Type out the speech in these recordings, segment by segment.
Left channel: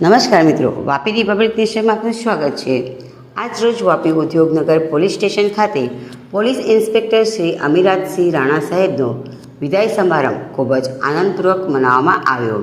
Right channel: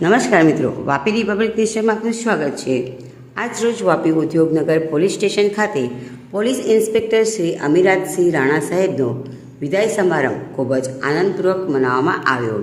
નમસ્કાર મિત્રો, વાપી રિપબ્લિક ન્યૂઝમાં આપનું સ્વાગત છે। આજ રોજ વાપી ઉદ્યોગનગર પોલીસ સ્ટેશન ખાતે પોલીસ ઇન્સ્પેક્ટર શ્રી અમીરાજસિંહ રાણા સાહેબનો વિદાય સમારંભ ખૂબ જ આનંદપૂર્વક મનાવવામાં આવ્યો।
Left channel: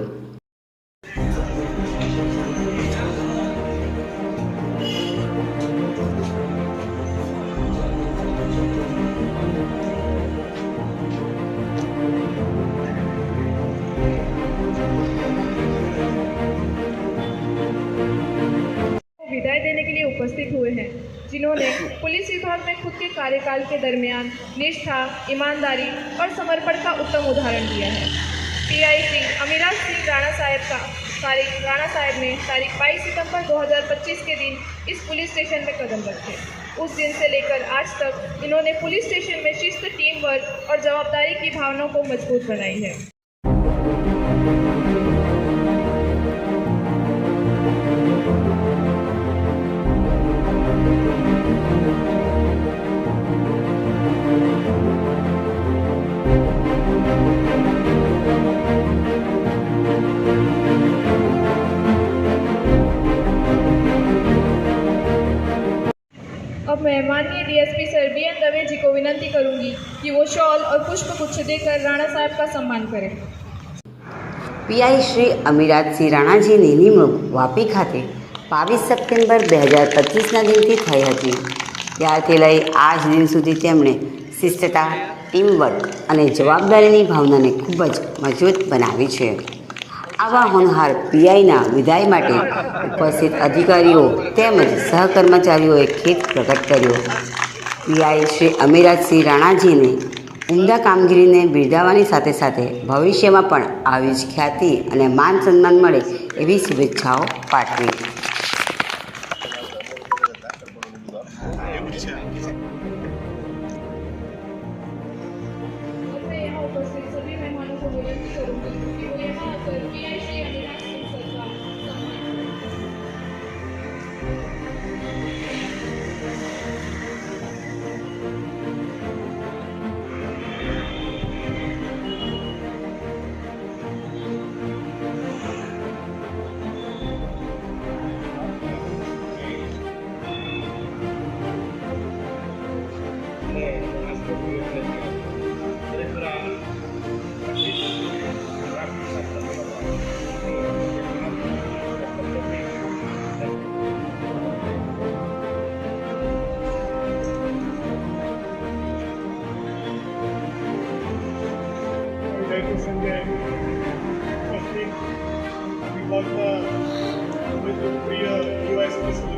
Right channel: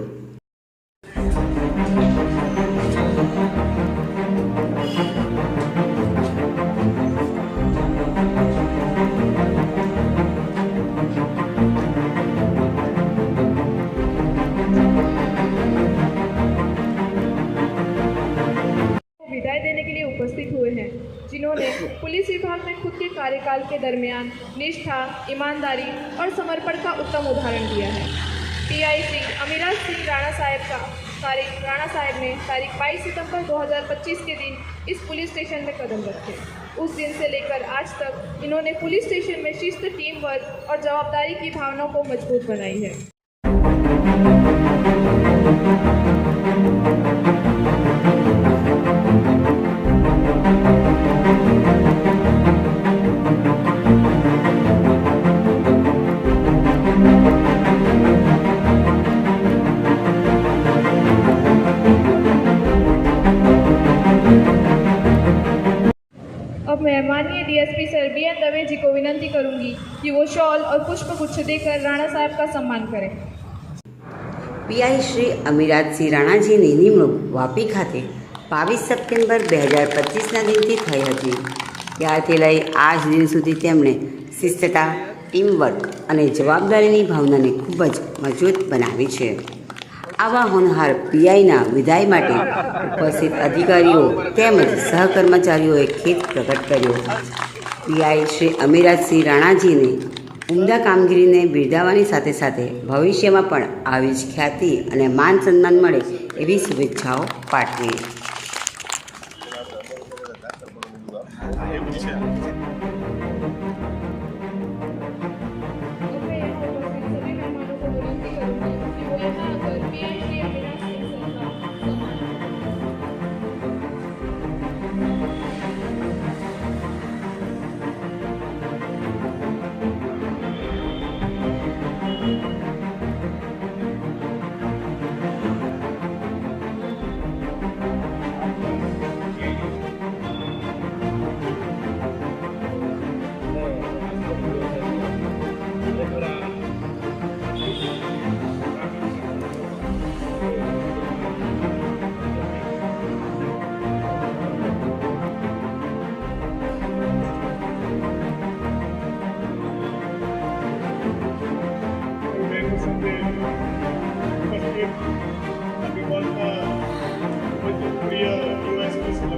विदाई देने के लिए उपस्थित हुए हैं, जिन्होंने पुलिस विभाग में खुद के कार्यकाल के दरमियान निष्ठा, ईमानदारी और समर्पण का उत्तम उदाहरण दिया है। पीआई श्री अमीराज सिंह राणा साहब ने तारीख 22 सितंबर 2025 के दिन इस पुलिस स्टेशन में कदम रखे। उस दिन से लेकर आज तक इन्होंने पुलिस स्टेशन में शिस्त, टीम वर्क और जवाबदारी की भावना को मजबूत बनाई है। अब मैं माननीय डीएसपी सर BN दवे जी को विनती करूंगी कि वो शॉल और पुष्प गुच्छ देकर राणा साहब का सम्मान करें। પીઆઈ શ્રી અમીરાજસિંહ રાણાજીની નિમણૂક વાપી ખાતે 22 સપ્ટેમ્બર 2025ના દિનથી થઈ હતી। ત્યારથી લઈ આજ દિન સુધી તેમણે શિસ્તતા, ટીમવર્ક અને જવાબદારીની ભાવનાને ખૂબ જ મજબૂત બનાવી છે। આવા હોનહાર પીઆઈના વિદાય માટે ઉપસ્થિત અધિકારીઓ તેમજ સહકર્મચારીઓએ ખેદ પ્રગટ કર્યો। પીઆઈ શ્રી અમીરાજસિંહ રાણાજીને ઉમદા કામગીરીને બિરદાવવાની સાથે સાથે ભવિષ્યમાં પણ આવી જ ખ્યાતિ અને માન સન્માન મળે એવી શુભેચ્છાઓ પાઠવી। अब मैं यहाँ उपस्थित सभी मेहमानों को विनती करूंगी कि वो यहाँ आकर पीआई श्री अमीराज सिंह सर का संजय उपस्थित प्रिय युवा स्पेशल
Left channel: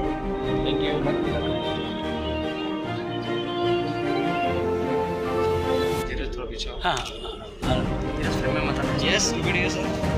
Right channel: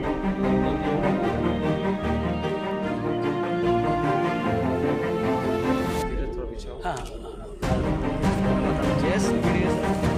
हाँ, yes, वीडियो सर।